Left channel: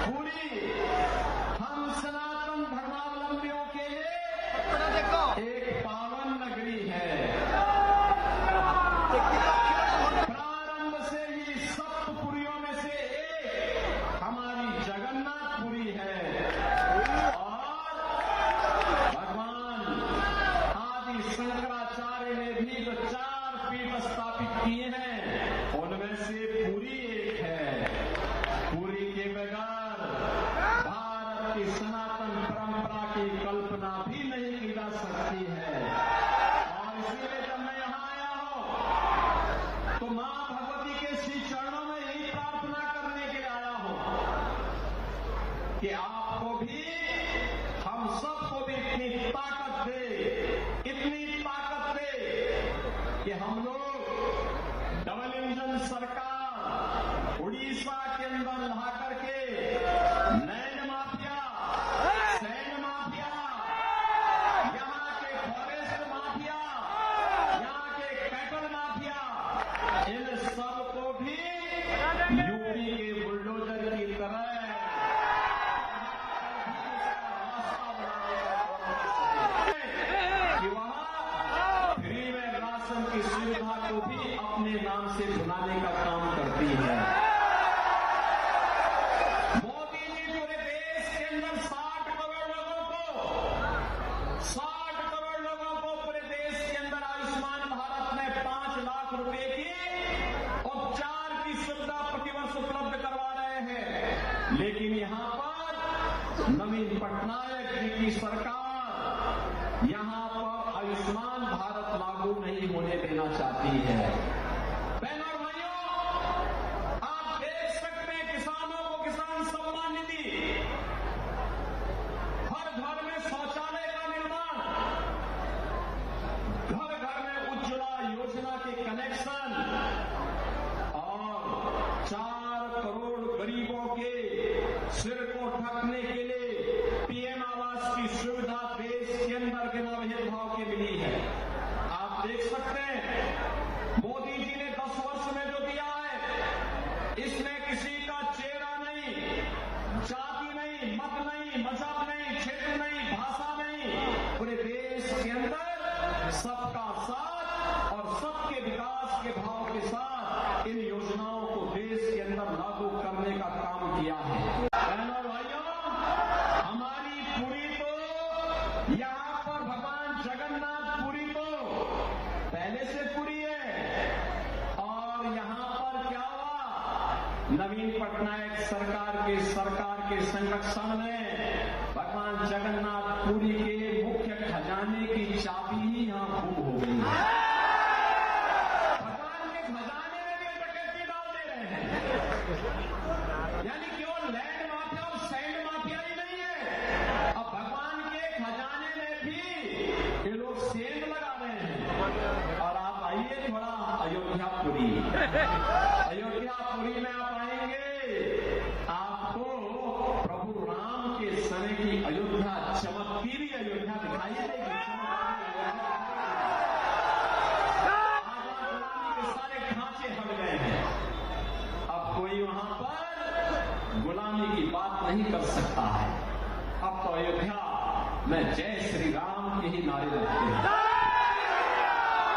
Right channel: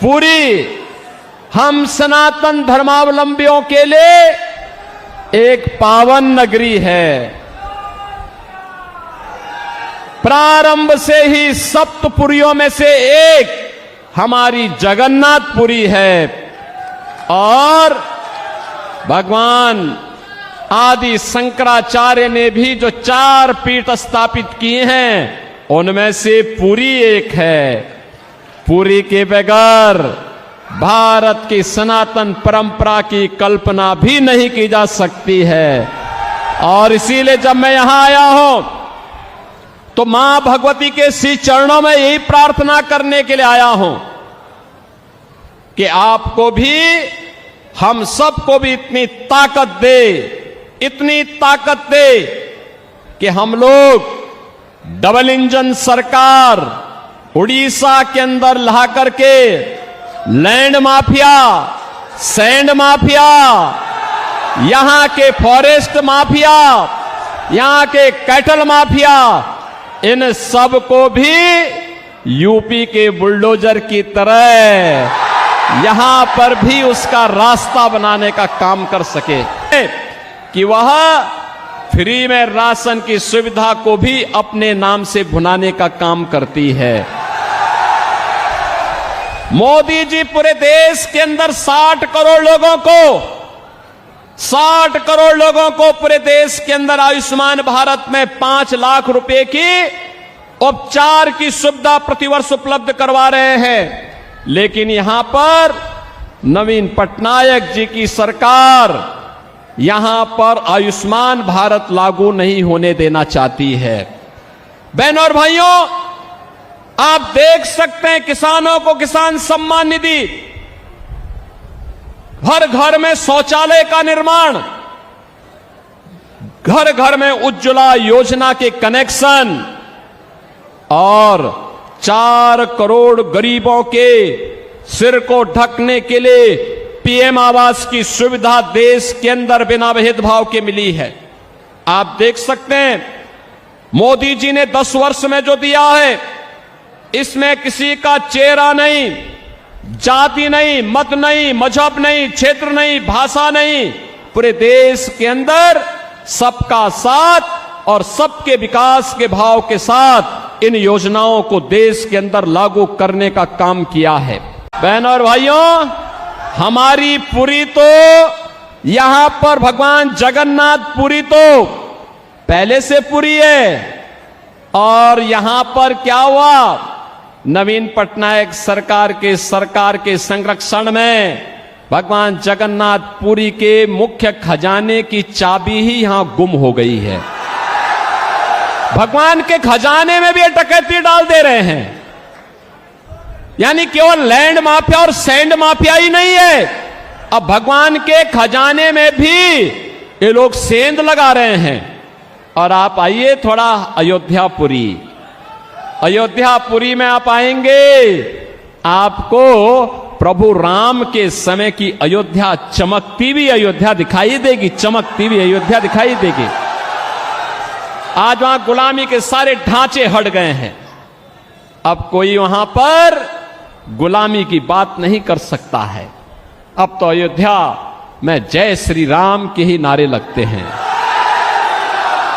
पुरी हम सनातन धर्मावलंबियों के लिए एक पावन नगरी है। प्रारंभ से ही सप्तपुरियों में से एक हमारी जगन्नाथपुरी है और भगवान आदि शंकराचार्य ने भी जो 4 पीठ स्थापित किए हैं उनमें से पुरी एक है। पुरी के बगैर भारत की सनातन परंपरा की कल्पना भी नहीं की जा सकती है। और इसीलिए जब मैं यहां आया हूं तो मां भगवती के श्री चरणों में यही प्रार्थना करने के लिए आया हूं कि आपको भी, हम सबको भी इतनी ताकत दे कि हम लोग डबल इंजन सरकार उड़ीसा के अंदर ला करके लैंड माफिया, सैंड माफिया, यहां के फॉरेस्ट माफिया, यहां के कैटल माफिया, इन सब को भी यूपी के बुलडोजर की तरह यहां पर भी उसका रास्ता बनाने का काम कर सके कि वह फ्री में राशन की सुविधा को भी अपने नाम से भुनाने का काम करती है। मोदी जी पूरे देश के अंदर 60 करोड़ लोगों को पूरे देश के अंदर आयुष्मान भारत में 5 लाख रुपए की उपचार की सुविधा प्रतिवर्ष उपलब्ध करवा रहे हैं। लेकिन यहां पर नवीन पटनायक जी की सरकार यहां पर आयुष्मान भारत लागू नहीं होने देना चाहती है। बहनों और भाइयों, आप देख सकते हैं किसानों को किसान सम्मान निधि, हर घर में शौचालय का निर्माण, घर घर में उज्ज्वला योजना के कनेक्शन और 4 करोड़ गरीबों के सिर को ढकने के लिए पीएम आवास की सुविधा देश के अंदर बिना भेदभाव के मिली है। आप देख सकते हैं मोदी जी ने 10 वर्ष में जो दिया है इसमें किसी का चेहरा नहीं, जाति नहीं, मत नहीं, मजहब नहीं, क्षेत्र नहीं, भाषा नहीं, पूरे देश के अंदर सबका साथ और सबके विकास के भाव के साथ इन योजनाओं को देश के अंदर लागू करने का काम किया है। बहनों और भाइयों, हमारी पुरी तो यहां पर भगवान जगन्नाथ पुरी तो पहले से पुरी है और यहां पर क्या हुआ, नवीन पटनायक सरकार के संरक्षण में भगवान जगन्नाथ पुरी के मुख्य खजाने की चाबी ही यहां गुम हो गई है। भगवान के खजाने में भी ये डकैती डाल दे रहे हैं। यानी केवल लैंड माफिया और सैंड माफिया ही नहीं है, अब भगवान के खजाने में भी ये लोग सेंध लगा रहे हैं। और आप आइए थोड़ा अयोध्यापुरी में आप आएंगे, आपको प्रभु राम के समय की अयोध्या, चमकती हुई अयोध्या दिखाई देगी, चमकती हुई अयोध्या दिखाई देगी। आज वहां गुलामी के सारे ढांचे हट गए हैं, अब कोई वहां पर गुलामी की बात नहीं कर सकता है। अब तो अयोध्या में जय श्री राम के ही नारे लगते हैं।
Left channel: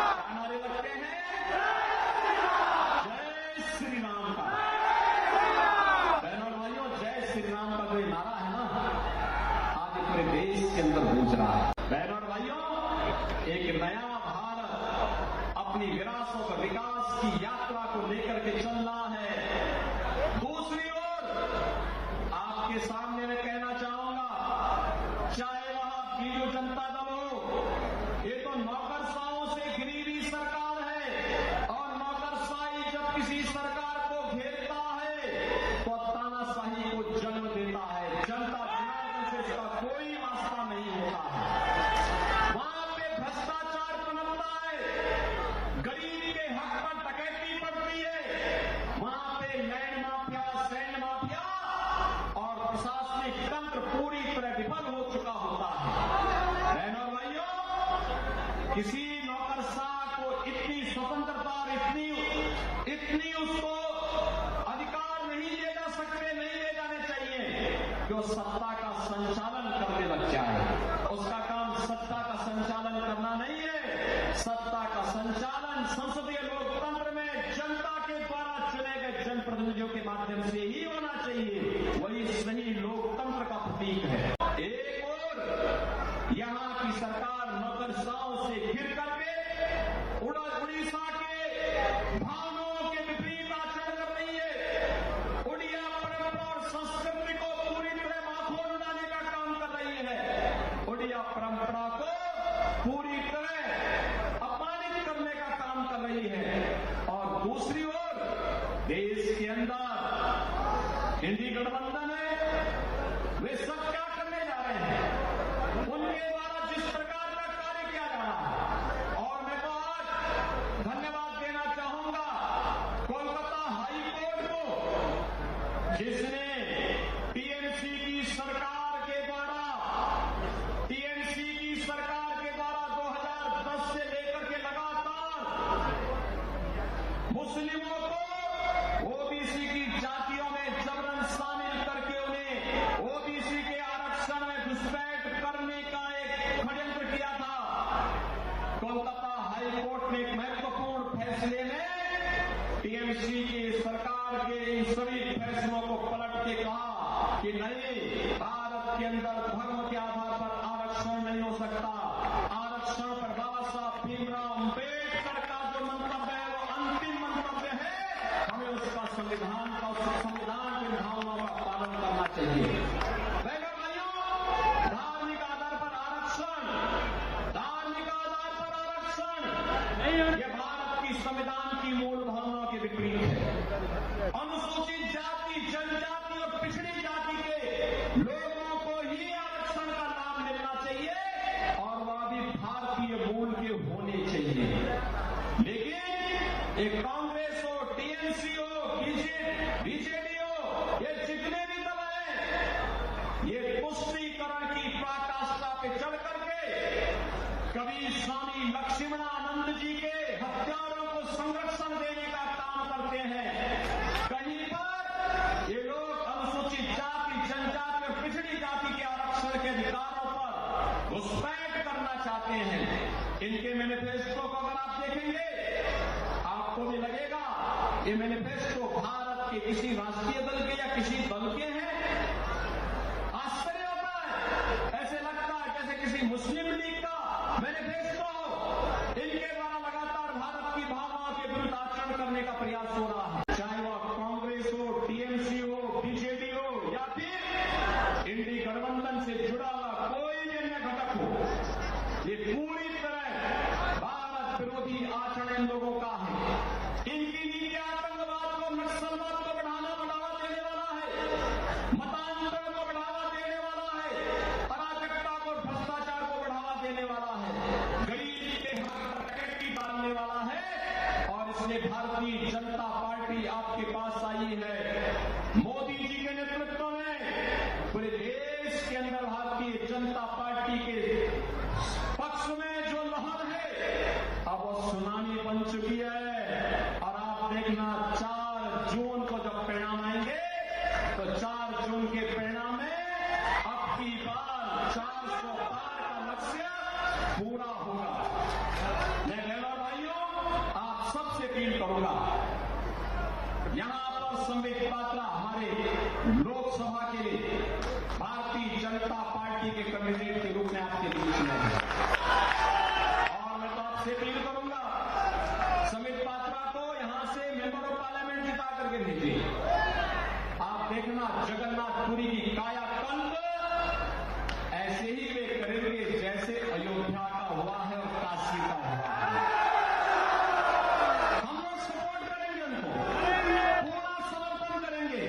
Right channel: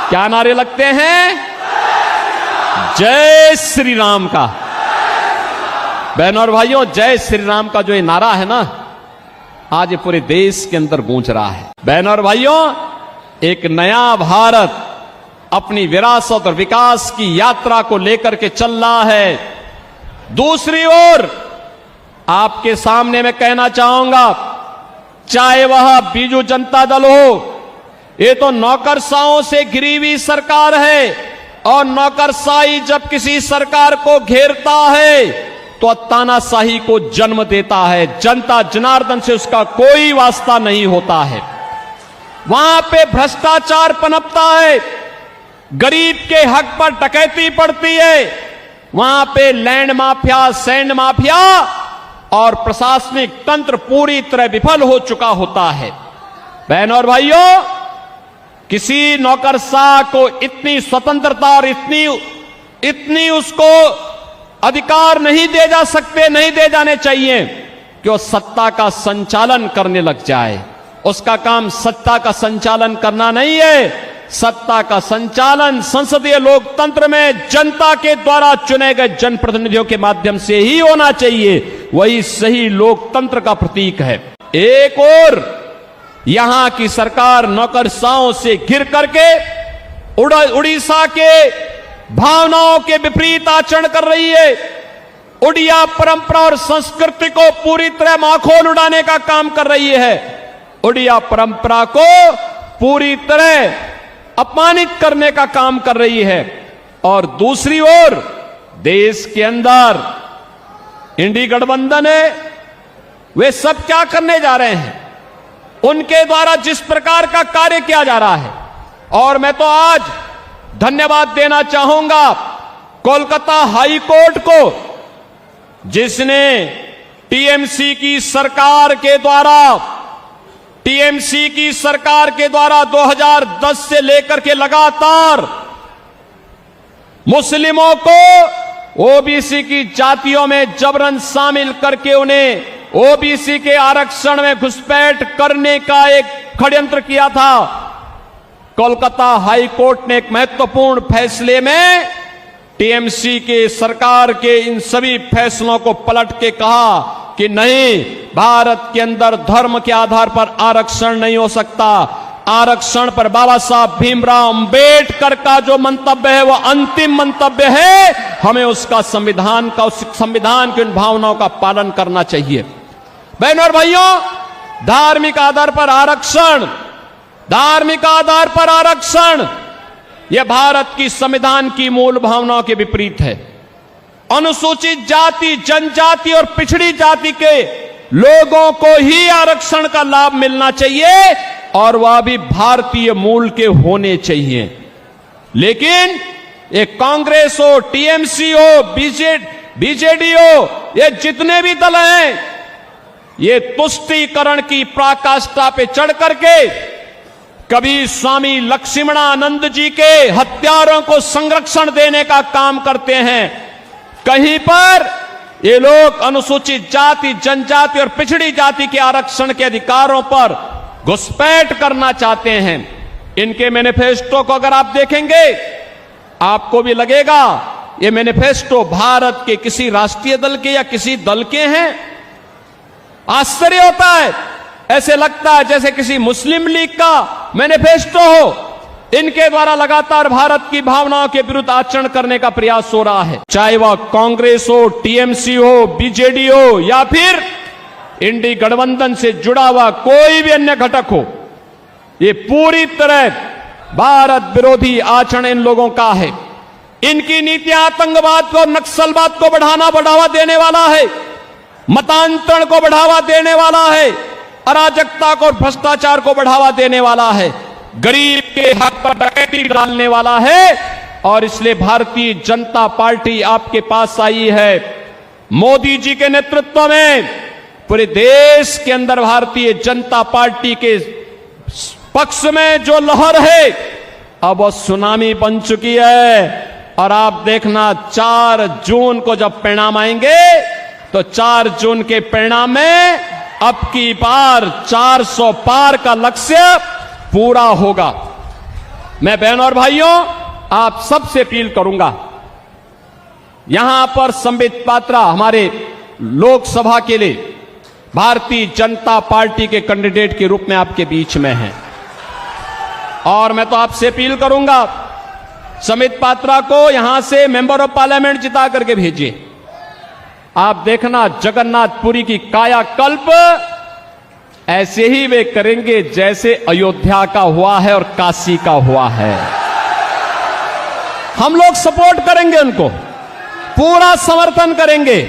क्या नारे लगते हैं? जय श्री राम का। बहनों और भाइयों, जय श्री राम का जो ये नारा है ना, आज ये पूरे देश के अंदर गूंज रहा है। बहनों और भाइयों, एक नया भारत अपनी विरासत और विकास की यात्रा को लेकर के चल रहा है। दूसरी ओर आपके सामने मैं कहना चाहूंगा, चाहे वह बीजू जनता दल हो, ये तो नौकरशाहों से घिरी हुई सरकार है और नौकरशाही जब किसी सरकार को घेरता है तो तानाशाही को जन्म देता है। जनता जनार्दन से उसका कोई वास्ता नहीं होता है। वहां पे भ्रष्टाचार पनपता है, गरीब के हक पर डकैती पड़ती है, वहां पे लैंड माफिया, सैंड माफिया और प्रशासनिक तंत्र पूरी तरह विफल हो चुका होता है। बहनों और भाइयों, किसी नौकरशाह को इतनी स्वतंत्रता और इतनी उसको अधिकार नहीं दे जा सकते, नहीं दे जाने चाहिए कि वो सत्ता का संचालन करने लग जाए। उसका काम सत्ता का संचालन करना नहीं है। सत्ता का संचालन संसदीय लोकतंत्र में जनता के द्वारा चुने गए जनप्रतिनिधियों के माध्यम से ही होना चाहिए। वही सही लोकतंत्र का प्रतीक है। एक और यहां की सरकार नौकरशाहों से घिर करके उड़ीसा के भावनाओं के विपरीत आचरण कर रही है। उड़िया परंपरा और संस्कृति को पूरी तरह माखोल उड़ाने का काम कर रही है। उड़िया परंपरा को पूरी तरह अपमानित करने का काम कर रही है। और दूसरी ओर देश के अंदर इंडी गठबंधन है, वे सब क्या करने जा रहे हैं? उनके द्वारा जिस प्रकार का कार्य किया जा रहा है, और मैं तो आज धन्यवाद देना चाहूंगा कोलकाता हाई कोर्ट को, जिसने टीएमसी की सरकार के द्वारा 2010 से लेकर के लगातार मुस्लिमों को ओबीसी की जातियों में जबरन शामिल करके उन्हें ओबीसी के आरक्षण में घुसपैठ करने का एक षड्यंत्र किया था। कोलकाता हाई कोर्ट ने एक महत्वपूर्ण फैसले में टीएमसी के सरकार के इन सभी फैसलों को पलट के कहा कि नहीं, भारत के अंदर धर्म के आधार पर आरक्षण नहीं हो सकता। आरक्षण पर बाबा साहब भीमराव अंबेडकर का जो मंतव्य है वो अंतिम मंतव्य है। हमें उसका संविधान की उन भावनाओं का पालन करना चाहिए। बहनों और भाइयों, धार्मिक आधार पर आरक्षण यह भारत की संविधान की मूल भावनाओं के विपरीत है। अनुसूचित जाति, जनजाति और पिछड़ी जाति के लोगों को ही आरक्षण का लाभ मिलना चाहिए और वह भी भारतीय मूल के होने चाहिए। लेकिन ये कांग्रेस हो, टीएमसी हो, बीजेडी हो, ये जितने भी दल हैं, ये तुष्टीकरण की पराकाष्ठा पे चढ़ करके कभी स्वामी लक्ष्मणानंद जी के हत्यारों को संरक्षण देने का काम करते हैं, कहीं पर ये लोग अनुसूचित जाति, जनजाति और पिछड़ी जाति के आरक्षण के अधिकारों पर घुसपैठ करना चाहते हैं। इनके मैनिफेस्टो को अगर आप देखेंगे, आपको भी लगेगा ये मैनिफेस्टो भारत के किसी राष्ट्रीय दल के या किसी दल के हैं। आश्चर्य होता है, ऐसे लगता है जैसे किसी मुस्लिम लीग का मैनिफेस्टो हो। इनके द्वारा लगातार भारत की भावनाओं के विरुद्ध आचरण करने का प्रयास हो रहा है, चाहे वह कांग्रेस हो, टीएमसी हो, बीजेडी हो या फिर इंडी गठबंधन से जुड़ा हुआ कोई भी अन्य घटक हो। ये पूरी तरह भारत विरोधी आचरण इन लोगों का है। इनकी नीतियां आतंकवाद को, नक्सलवाद को बढ़ावा देने वाला है, मतांतरण को बढ़ावा देने वाला है, अराजकता को और भ्रष्टाचार को बढ़ावा देने वाला है, गरीब के हक पर डकैती डालने वाला है। और इसलिए भारतीय जनता पार्टी आपके पास आई है। मोदी जी के नेतृत्व में पूरे देश के अंदर भारतीय जनता पार्टी के पक्ष में जो लहर है, अब वो सुनामी बन चुकी है। और आप देखना 4 जून को जब परिणाम आएंगे तो 4 जून के परिणाम में अब की बार 400 पार का लक्ष्य पूरा होगा। मैं बहनों और भाइयों, आप सबसे अपील करूंगा, यहां पर संबित पात्रा हमारे लोकसभा के लिए भारतीय जनता पार्टी के कैंडिडेट के रूप में आपके बीच में हैं, और मैं तो आपसे अपील करूंगा संबित पात्रा को यहां से मेंबर ऑफ पार्लियामेंट जिता करके भेजिए। आप देखना जगन्नाथपुरी की कायाकल्प ऐसे ही वे करेंगे जैसे अयोध्या का हुआ है और काशी का हुआ है। हम लोग सपोर्ट करेंगे, उनको पूरा समर्थन करेंगे।